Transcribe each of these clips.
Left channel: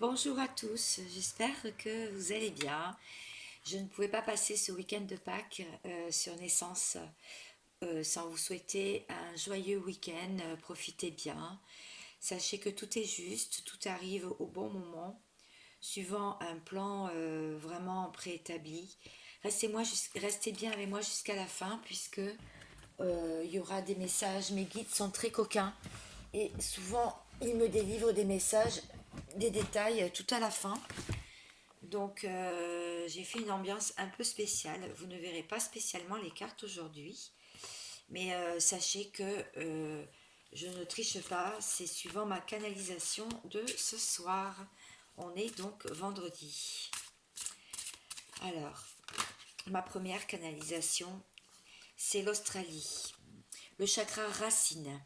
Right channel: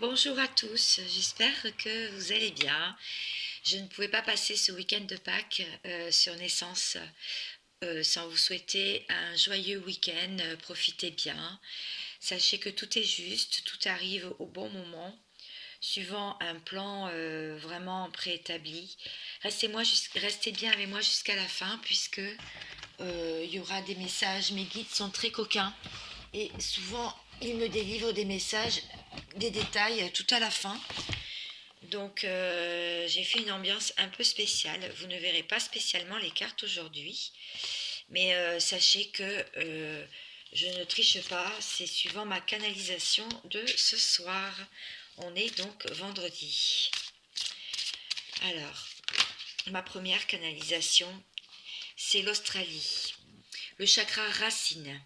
Bonjour à tous, j'espère que vous allez bien. Je ne pouvais pas passer ce week-end de Pâques sur Naissance sans vous souhaiter un joyeux week-end. Profitez bien. Sachez que tout est juste, tout arrive au bon moment, suivant un plan vraiment préétabli. Restez bien avec moi jusqu'à la fin, puisque il y aura des messages. Mes guides sont très coquins et souvent ils me délivrent des messages, des détails tout à la fin. Donc j'ai fait une ambiance un peu spéciale. Vous ne verrez pas spécialement les cartes aujourd'hui, mais sachez que je ne triche pas, c'est suivant ma canalisation de ce soir. On est donc vendredi. Alors, ma première canalisation, c'est l'Australie. Le chakra racine.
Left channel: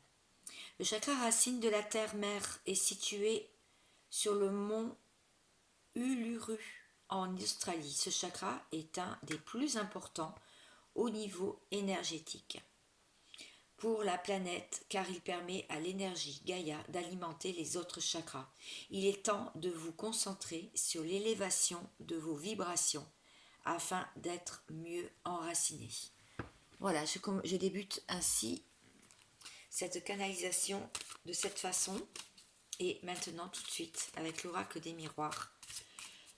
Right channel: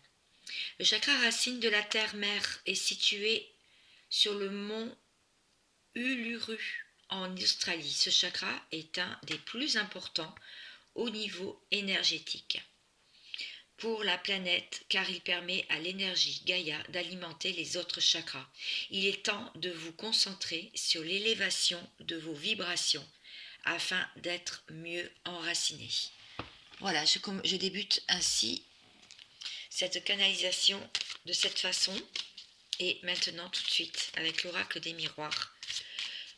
Le chakra racine de la terre-mère est situé sur le mont Uluru en Australie. Ce chakra est un des plus importants au niveau énergétique pour la planète car il permet à l'énergie Gaïa d'alimenter les autres chakras. Il est temps de vous concentrer sur l'élévation de vos vibrations afin d'être mieux enraciné. Voilà, je débute ainsi cette canalisation de cette façon. Et maintenant, tout de suite, avec l'oracle des miroirs,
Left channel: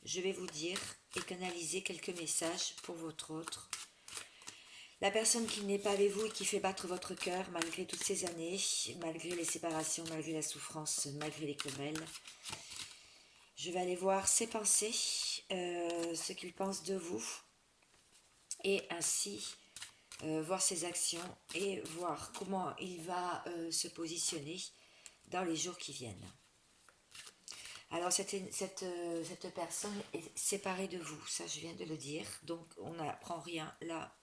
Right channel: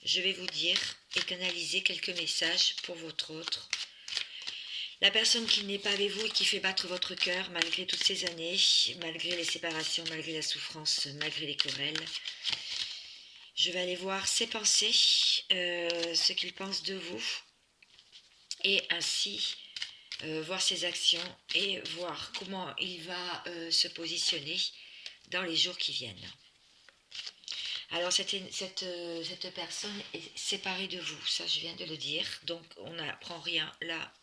je vais vous dire et canaliser quelques messages pour votre autre. La personne qui n'est pas avec vous et qui fait battre votre cœur malgré toutes ces années, malgré les séparations, malgré la souffrance, malgré les querelles. Je vais aller voir ses pensées, ce qu'il pense de vous, et ainsi voir ses actions et voir comment il va se positionner dans les jours qui viennent. Alors cette personne est séparée de vous, ça je viens de le dire, donc on n'apprend rien là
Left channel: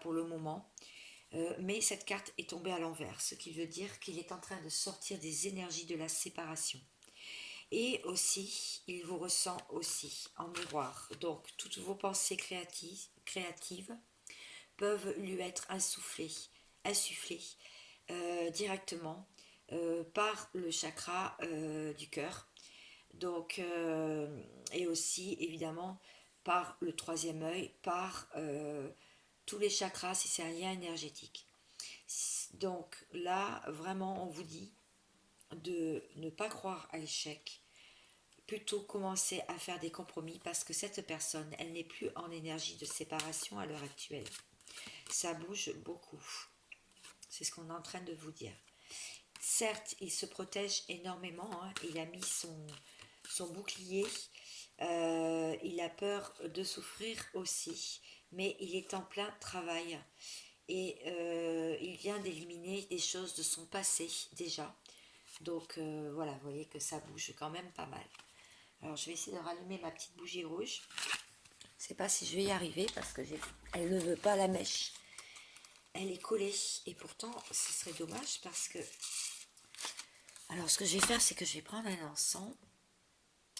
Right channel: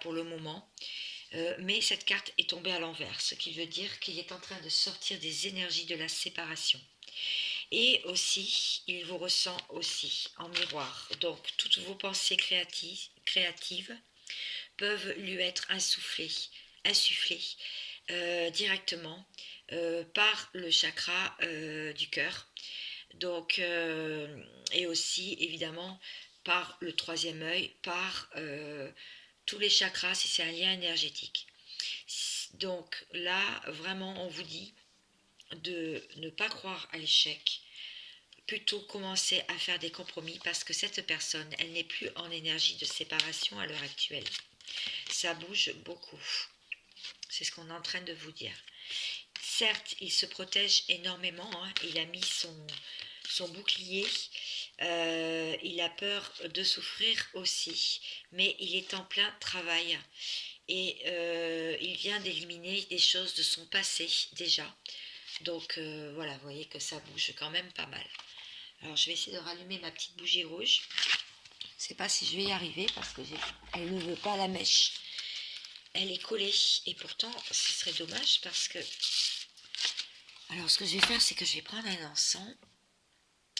pour le moment. Mais cette carte est tombée à l'envers, ce qui veut dire qu'il est en train de sortir des énergies de la séparation. Et aussi, il vous ressent aussi en miroir. Donc toutes vos pensées créatives peuvent lui être insufflées directement par le chakra du cœur. Donc, et aussi évidemment par le troisième œil, par tous les chakras si c'est un lien énergétique. Donc là, vraiment, on vous dit de ne pas croire à l'échec, plutôt commencer à faire des compromis parce que cette personne, elle n'est plus en énergie de séparation à l'heure actuelle. Ça bouge beaucoup. C'est ce qu'on est en train de vous dire. Certes, il se protège énormément, hein. Il a mis son bouclier, il a peur de souffrir aussi, mais il est en plein travail et il vient d'éliminer des choses de son passé déjà. Donc voilà, vous voyez que ça bouge quand même pas mal. Alors je vais essayer de rallumer ma petite bougie rouge. Je ne sais pas si je vais y arriver parce que elle ne veut pas la mèche. Elle est collée et pourtant ce serait dommage parce que... Alors ce que je vais faire, c'est que je vais prendre un encens.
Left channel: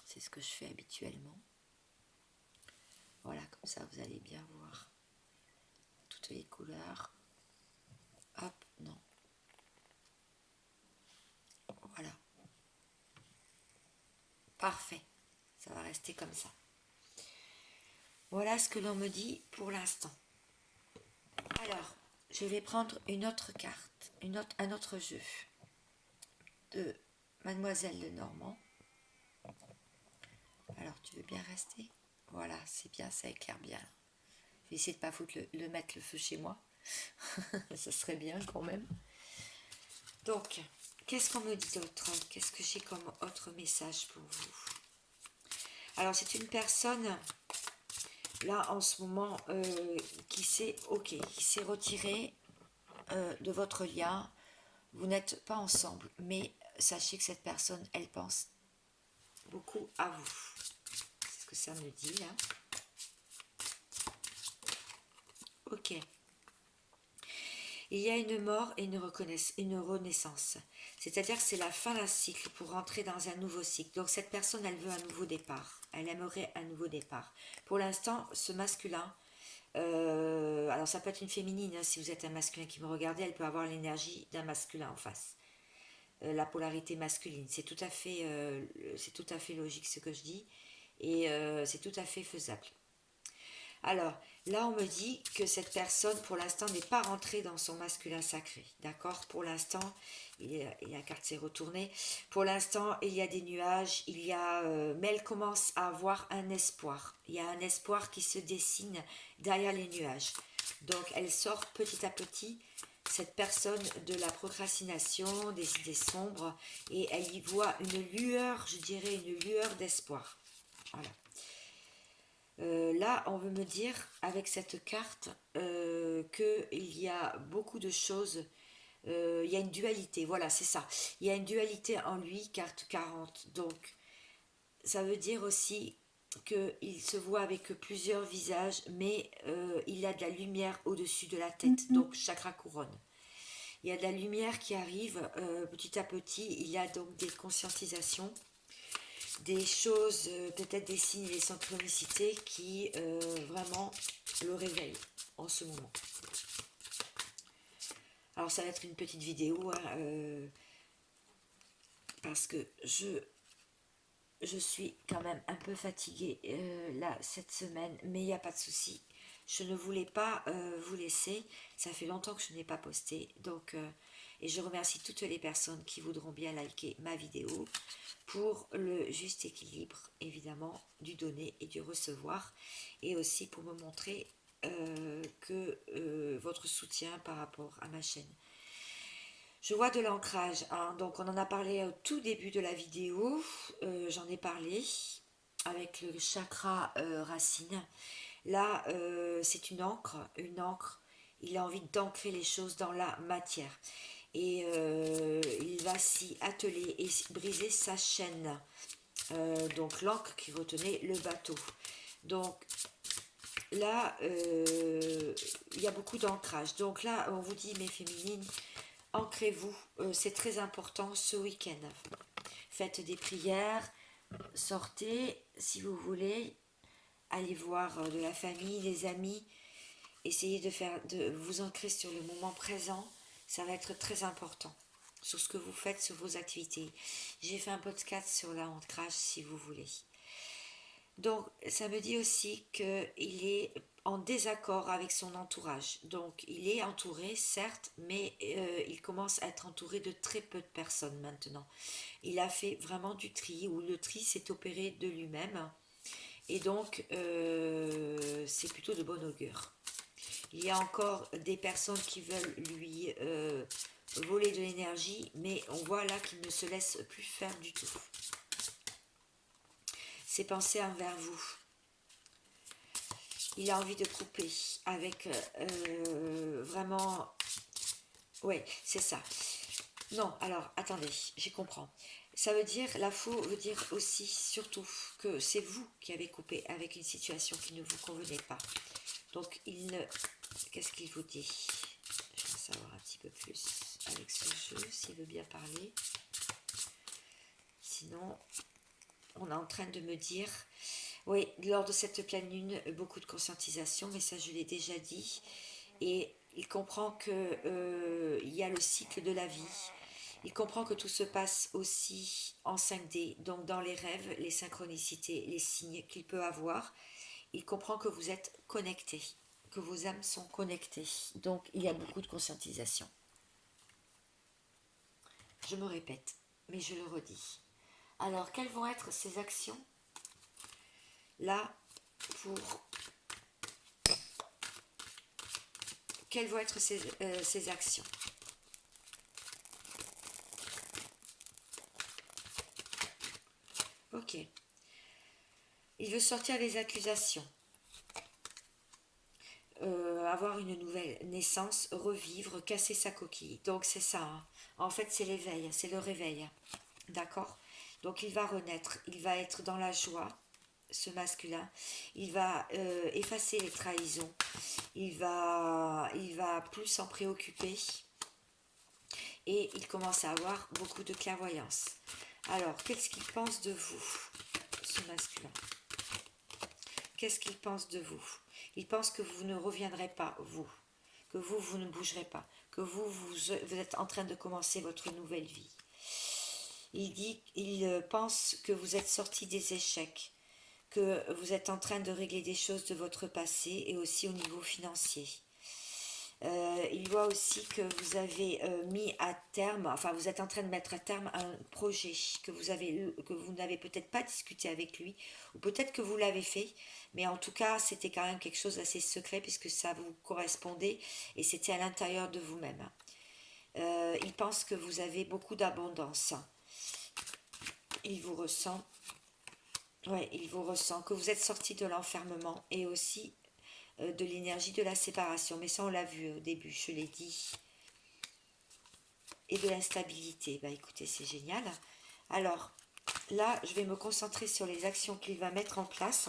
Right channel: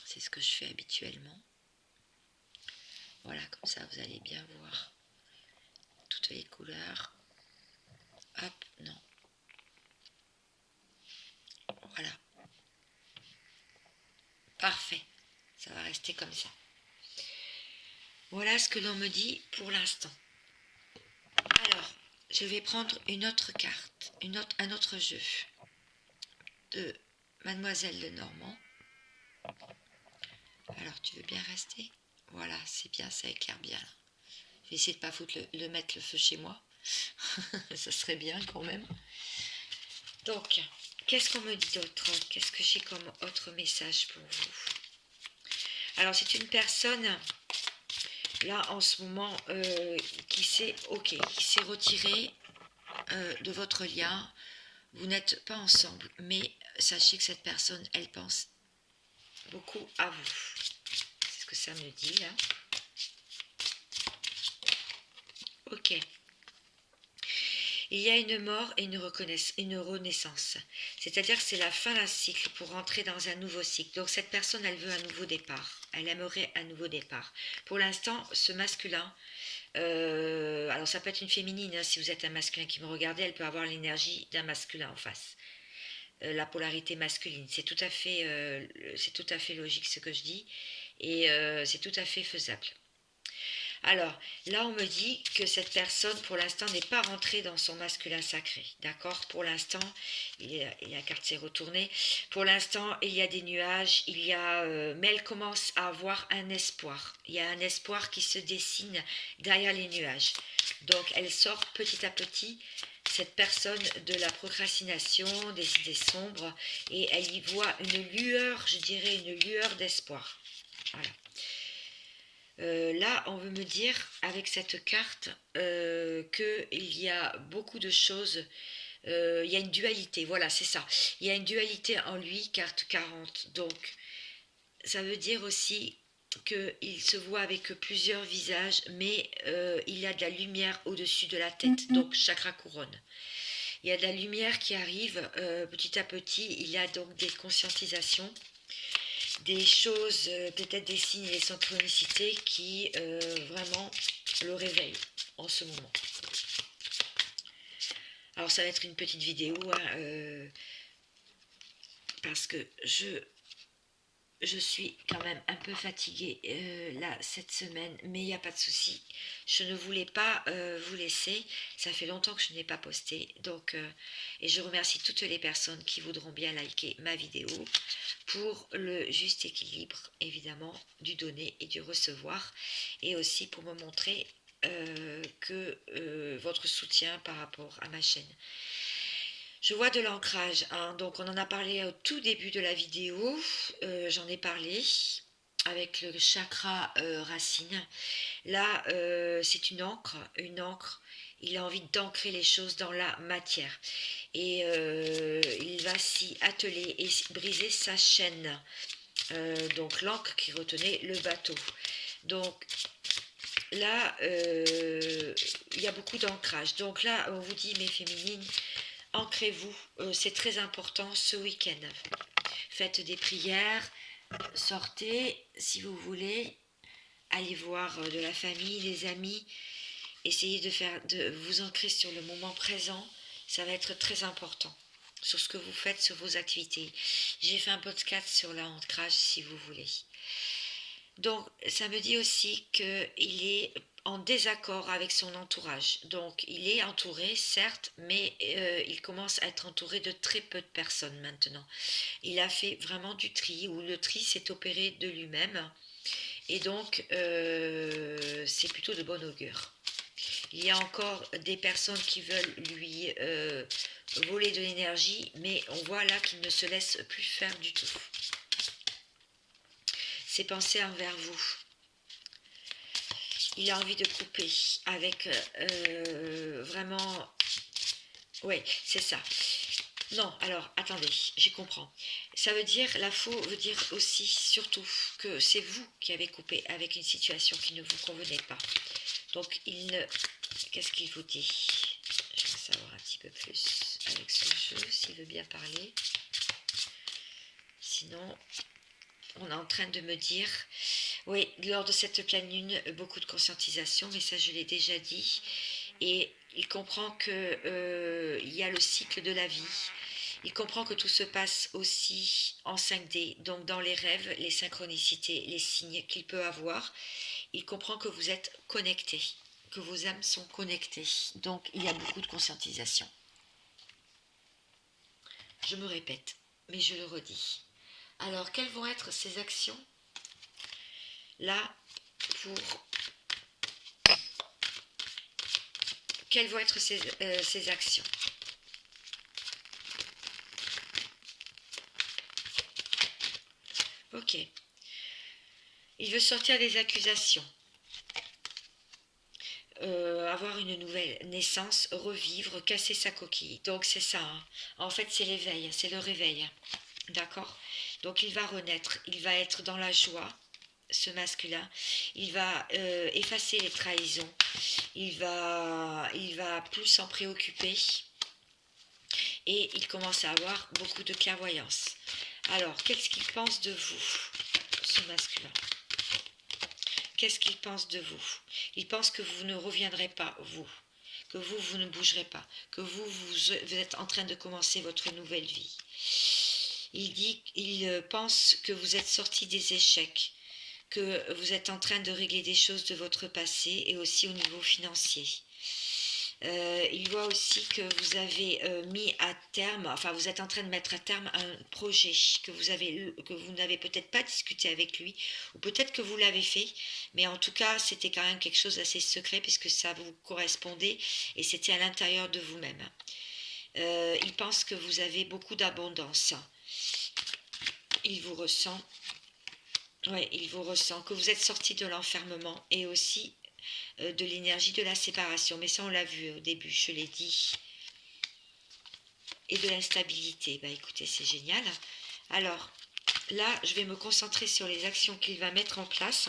C'est ce que je fais habituellement. Voilà, comme ça vous allez bien voir toutes les couleurs. Hop, non. Voilà. Parfait. Ça va rester comme ça. Voilà ce que l'on me dit pour l'instant. Alors, je vais prendre une autre carte, un autre jeu de Mademoiselle Lenormand. Alors, tu veux bien rester? Voilà, c'est bien, ça éclaire bien. Je vais essayer de ne pas mettre le feu chez moi. Ce serait bien quand même. Donc, qu'est-ce qu'on me dit d'autre? Qu'est-ce que j'ai comme autre message pour vous? Alors, c'est une personne, là, en ce moment, qui s'est retirée de votre lien. Vous n'êtes pas ensemble, mais sachez que cette personne, elle pense beaucoup à vous. C'est ce que ça me dit, là. Ok. Il y a une mort et une renaissance. C'est-à-dire que c'est la fin d'un cycle pour rentrer dans un nouveau cycle. Donc cette personne, elle veut un nouveau départ. Elle aimerait un nouveau départ. Pour l'instant, ce masculin, alors ça peut être une féminine, hein, si vous êtes un masculin qui me regardez, elle peut avoir l'énergie d'un masculin en face. la polarité masculine. C'est tout à fait logique ce que je dis et c'est tout à fait faisable. Alors, là, on me dit que cette personne, pour l'instant, n'est pas rentrée dans son masculin sacré. D'accord. Pour l'instant, la carte s'est retournée. Pour l'instant, il y a des nuages, mais elle commence à avoir un espoir. Il y a un espoir qui se dessine derrière les nuages. Donc, elle sort petit à petit, cette personne, de la procrastination, des idées sombres, et elle y voit une lueur, je dirais une lueur d'espoir. Voilà. Là, on veut me dire avec cette carte qu'il y a beaucoup de choses. Il y a une dualité, voilà, c'est ça. Il y a une dualité en lui, carte 40. Donc, ça veut dire aussi qu'il se voit avec plusieurs visages, mais il y a de la lumière au-dessus de la tête, donc chakra couronne. Il y a de la lumière qui arrive petit à petit. Il y a donc des conscientisations, des choses, peut-être des signes et des synchronicités qui vraiment le réveillent en ce moment. Alors ça va être une petite vidéo hein, parce que je suis quand même un peu fatiguée là cette semaine, mais il n'y a pas de souci. Je ne voulais pas vous laisser. Ça fait longtemps que je n'ai pas posté, donc et je remercie toutes les personnes qui voudront bien liker ma vidéo pour le juste équilibre, évidemment, du donner et du recevoir, et aussi pour me montrer que votre soutien par rapport à ma chaîne. Je vois de l'ancrage, hein, donc on en a parlé au tout début de la vidéo, j'en ai parlé avec le chakra racine. Là, c'est une encre, il a envie d'ancrer les choses dans la matière. Et il va s'y atteler et briser sa chaîne. Donc l'encre qui retenait le bateau. Donc là, il y a beaucoup d'ancrage. Donc là, on vous dit, mes féminines, ancrez-vous. C'est très important ce week-end. Faites des prières, sortez si vous voulez, allez voir de la famille, des amis. Essayez de vous ancrer sur le moment présent. Ça va être très important sur ce que vous faites, sur vos activités. J'ai fait un podcast sur l'ancrage si vous voulez. Donc, ça me dit aussi qu'il est en désaccord avec son entourage. Donc, il est entouré, certes, mais il commence à être entouré de très peu de personnes maintenant. Il a fait vraiment du tri, ou le tri s'est opéré de lui-même. Et donc, c'est plutôt de bon augure. Il y a encore des personnes qui veulent lui voler de l'énergie, mais on voit là qu'il ne se laisse plus faire du tout. Ses pensées envers vous. Il a envie de couper avec vraiment... Oui, c'est ça. Non, alors, attendez, j'y comprends. Ça veut dire, la faux veut dire aussi, surtout, que c'est vous qui avez coupé avec une situation qui ne vous convenait pas. Donc, qu'est-ce qu'il vous dit? Je vais savoir un petit peu plus avec ce jeu, s'il veut bien parler. Sinon, on est en train de me dire... Oui, lors de cette pleine lune, beaucoup de conscientisation, mais ça, je l'ai déjà dit. Et il comprend qu'il y a le cycle de la vie. Il comprend que tout se passe aussi en 5D, donc dans les rêves, les synchronicités, les signes qu'il peut avoir. Il comprend que vous êtes connectés, que vos âmes sont connectées. Donc, il y a beaucoup de conscientisation. Je me répète, mais je le redis. Alors, quelles vont être ces actions là pour... Quelles vont être ces actions? Ok. Il veut sortir des accusations. Avoir une nouvelle naissance, revivre, casser sa coquille. Donc c'est ça. Hein. En fait, c'est l'éveil, c'est le réveil. D'accord? Donc il va renaître, il va être dans la joie, ce masculin. Il va effacer les trahisons. Il va plus s'en préoccuper. Et il commence à avoir beaucoup de clairvoyance. Alors, qu'est-ce qu'il pense de vous, ce masculin? Qu'est-ce qu'il pense de vous? Il pense que vous ne reviendrez pas, vous. Que vous ne bougerez pas. Que vous êtes en train de commencer votre nouvelle vie. il pense que vous êtes sorti des échecs, que vous êtes en train de régler des choses de votre passé et aussi au niveau financier. Il voit aussi que vous avez mis à terme, enfin vous êtes en train de mettre à terme un projet que vous n'avez peut-être pas discuté avec lui, ou peut-être que vous l'avez fait, mais en tout cas c'était quand même quelque chose d'assez secret puisque ça vous correspondait et c'était à l'intérieur de vous-même. Il pense que vous avez beaucoup d'abondance. Il vous ressent. Ouais, il vous ressent, que vous êtes sorti de l'enfermement et aussi de l'énergie de la séparation. Mais ça, on l'a vu au début, je l'ai dit. Et de l'instabilité. Bah écoutez, c'est génial. Alors, là, je vais me concentrer sur les actions qu'il va mettre en place.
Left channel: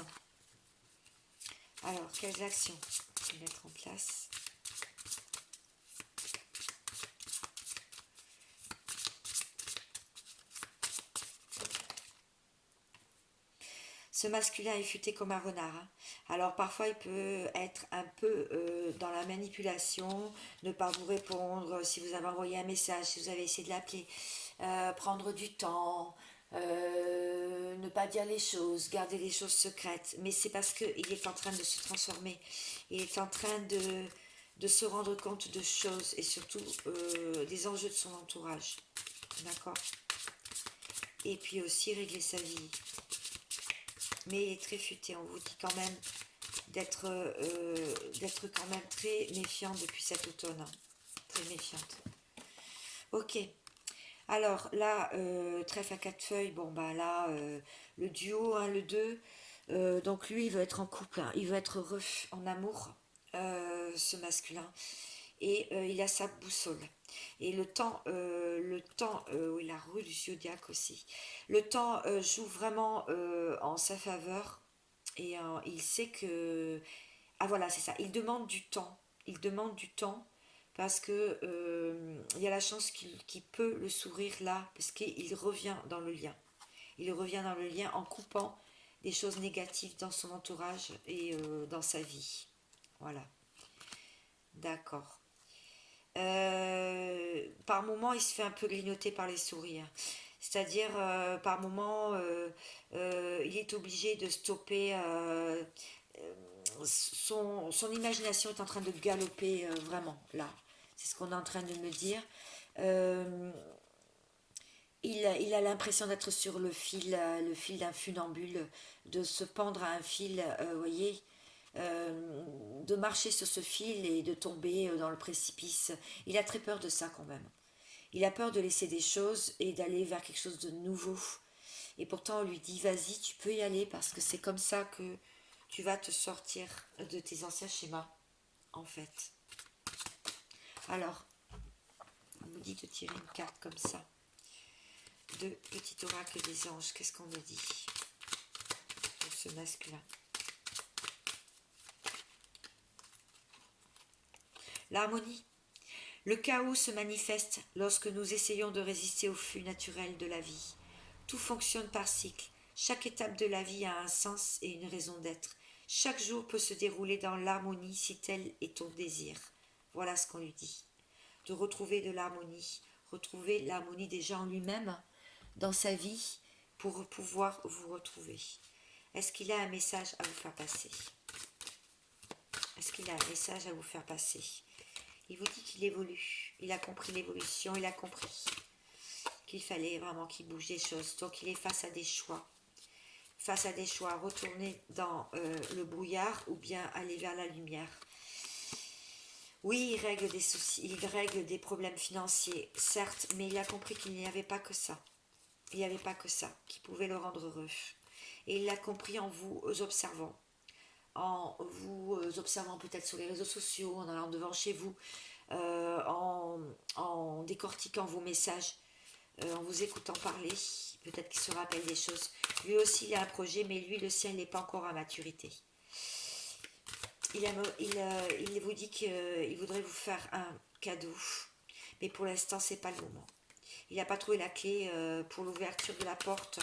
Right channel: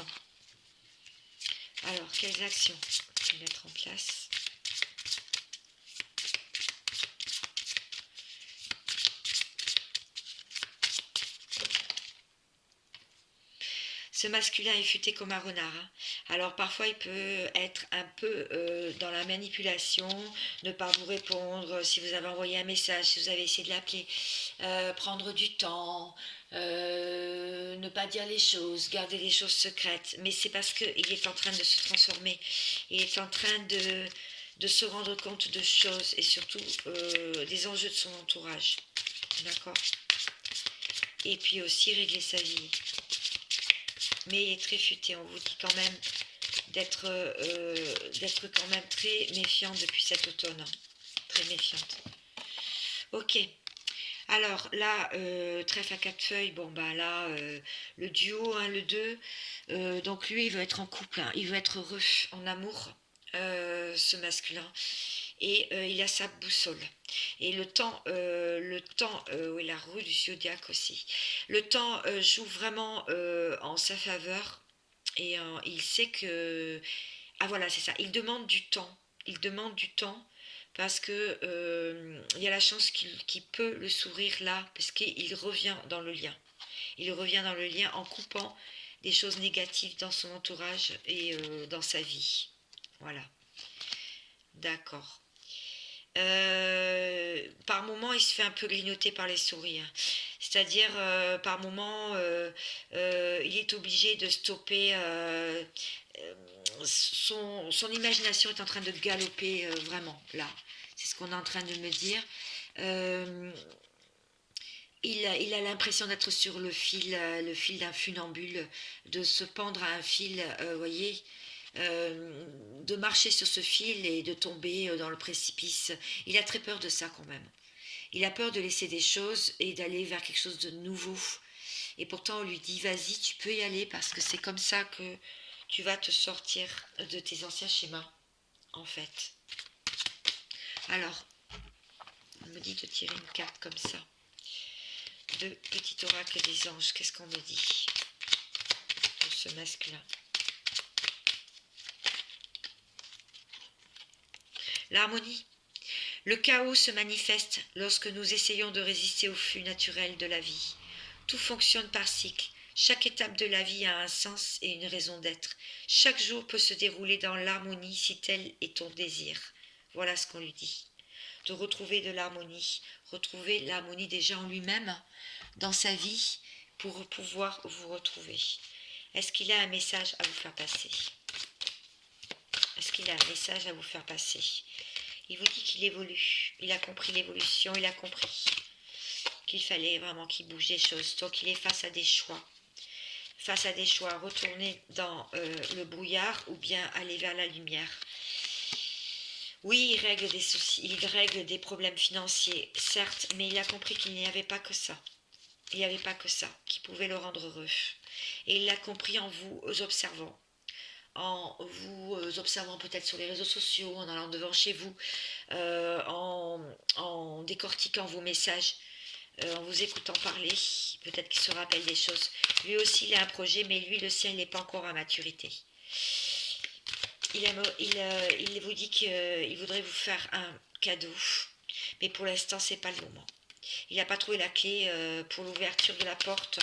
Alors, quelles actions il va mettre en place? Ce masculin est futé comme un renard. Hein. Alors parfois il peut être un peu dans la manipulation, ne pas vous répondre si vous avez envoyé un message, si vous avez essayé de l'appeler, prendre du temps, ne pas dire les choses, garder les choses secrètes. Mais c'est parce qu'il est en train de se transformer. Il est en train de se rendre compte de choses et surtout des enjeux de son entourage. D'accord? Et puis aussi régler sa vie. Mais il est très futé, on vous dit quand même d'être quand même très méfiante depuis cet automne. Très méfiante. Ok. Alors là, trèfle à quatre feuilles, bon bah là, le duo, hein, le 2, donc lui il veut être en couple, hein, il veut être heureux en amour, ce masculin, et il a sa boussole. Et le temps, oui, la roue du zodiaque aussi. Le temps joue vraiment en sa faveur et il sait que... Ah voilà, c'est ça, il demande du temps parce que il y a la chance qu'il peut le sourire là, parce qu'il revient dans le lien. Il revient dans le lien en coupant des choses négatives dans son entourage et dans sa vie. Voilà, d'accord. Par moment, il se fait un peu grignoter par les souris. Hein. C'est-à-dire, par moment, il est obligé de stopper. Son imagination est en train de galoper vraiment, là. C'est ce qu'on est en train de me dire. Euh, il a l'impression d'être sur le fil d'un funambule, de se pendre à un fil, vous voyez, de marcher sur ce fil et de tomber dans le précipice. Il a très peur de ça quand même. Il a peur de laisser des choses et d'aller vers quelque chose de nouveau. Et pourtant, on lui dit, vas-y, tu peux y aller parce que c'est comme ça que tu vas te sortir de tes anciens schémas, en fait. Alors, on me dit de tirer une carte comme ça. De petit oracle des anges, qu'est-ce qu'on me dit de ce masculin? L'harmonie. Le chaos se manifeste lorsque nous essayons de résister au flux naturel de la vie. Tout fonctionne par cycle. Chaque étape de la vie a un sens et une raison d'être. Chaque jour peut se dérouler dans l'harmonie si tel est ton désir. Voilà ce qu'on lui dit. De retrouver de l'harmonie. Retrouver l'harmonie déjà en lui-même, dans sa vie, pour pouvoir vous retrouver. Est-ce qu'il a un message à vous faire passer? Est-ce qu'il a un message à vous faire passer? Il vous dit qu'il évolue. Il a compris l'évolution, il a compris qu'il fallait vraiment qu'il bouge des choses. Donc il est face à des choix. Face à des choix, retourner dans le brouillard ou bien aller vers la lumière. Oui, il règle des soucis, il règle des problèmes financiers, certes, mais il a compris qu'il n'y avait pas que ça. Il n'y avait pas que ça qui pouvait le rendre heureux. Et il l'a compris en vous observant. En vous observant peut-être sur les réseaux sociaux, en allant devant chez vous, en décortiquant vos messages, en vous écoutant parler, peut-être qu'il se rappelle des choses. Lui aussi, il a un projet, mais lui, le sien, il n'est pas encore à maturité. Il vous dit qu'il voudrait vous faire un cadeau, mais pour l'instant, c'est pas le moment. Il n'a pas trouvé la clé pour l'ouverture de la porte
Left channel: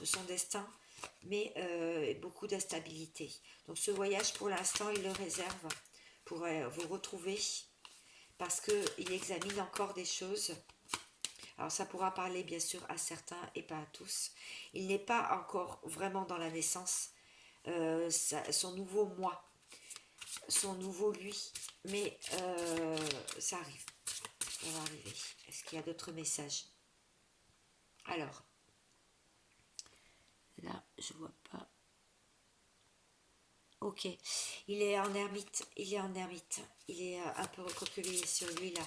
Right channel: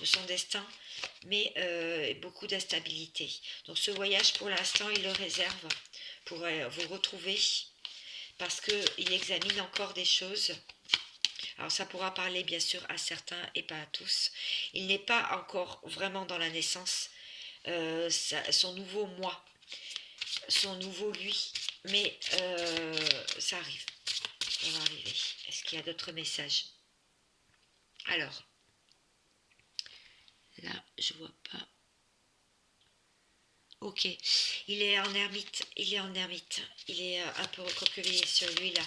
de son destin, mais beaucoup d'instabilité. Donc ce voyage, pour l'instant, il le réserve pour vous retrouver parce qu'il examine encore des choses. Alors ça pourra parler bien sûr à certains et pas à tous. Il n'est pas encore vraiment dans la naissance, son nouveau moi, son nouveau lui, mais ça arrive, ça va arriver. Est-ce qu'il y a d'autres messages? Alors, là, je vois pas. Ok, il est en ermite, il est en ermite, il est un peu recroquevillé sur lui là.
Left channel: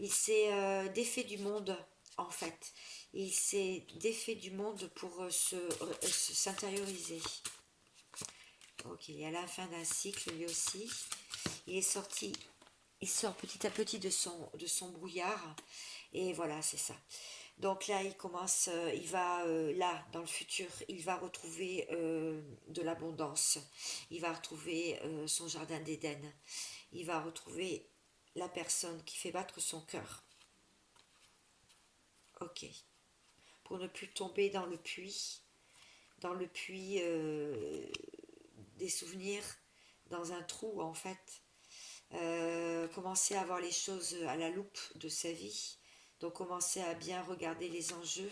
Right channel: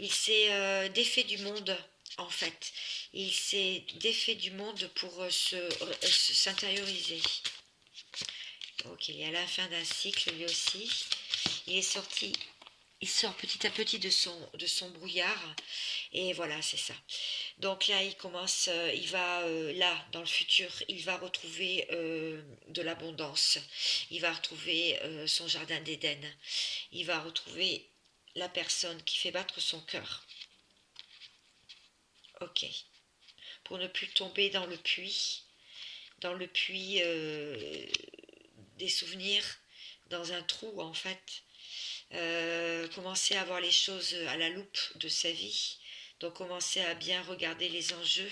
Il s'est défait du monde en fait. Il s'est défait du monde pour s'intérioriser. Ok, il est à la fin d'un cycle lui aussi. Il est sorti, il sort petit à petit de son brouillard et voilà, c'est ça. Donc là, il commence, il va là, dans le futur, il va retrouver de l'abondance. Il va retrouver son jardin d'Éden. Il va retrouver la personne qui fait battre son cœur. Ok. Pour ne plus tomber dans le puits des souvenirs, dans un trou en fait. Commencer à voir les choses à la loupe de sa vie. Donc commencer à bien regarder les enjeux,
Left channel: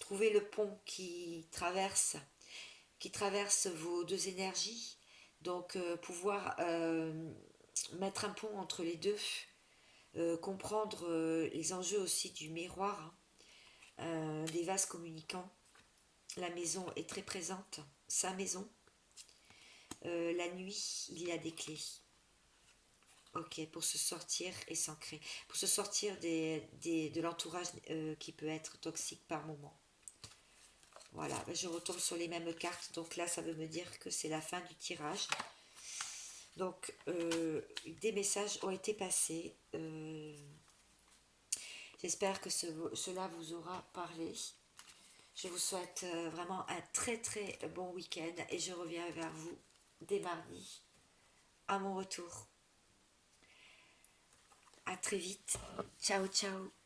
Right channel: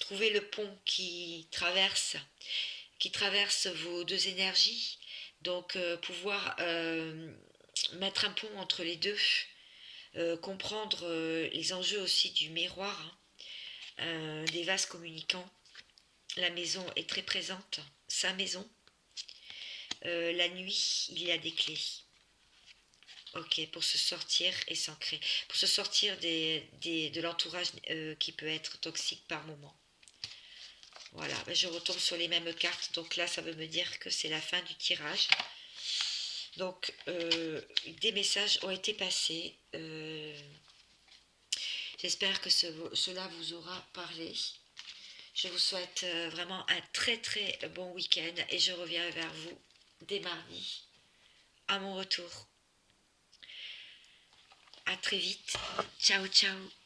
trouver le pont qui traverse vos deux énergies. Donc pouvoir mettre un pont entre les deux, comprendre les enjeux aussi du miroir, hein, des vases communicants. La maison est très présente, sa maison. La nuit, il y a des clés. Ok, pour se sortir et s'ancrer, pour se sortir de l'entourage qui peut être toxique par moment. Voilà, je retombe sur les mêmes cartes, donc là ça veut me dire que c'est la fin du tirage. Donc des messages ont été passés. J'espère que cela vous aura parlé. Je vous souhaite vraiment un très très bon week-end et je reviens vers vous dès mardi à mon retour. À très vite. Ciao ciao.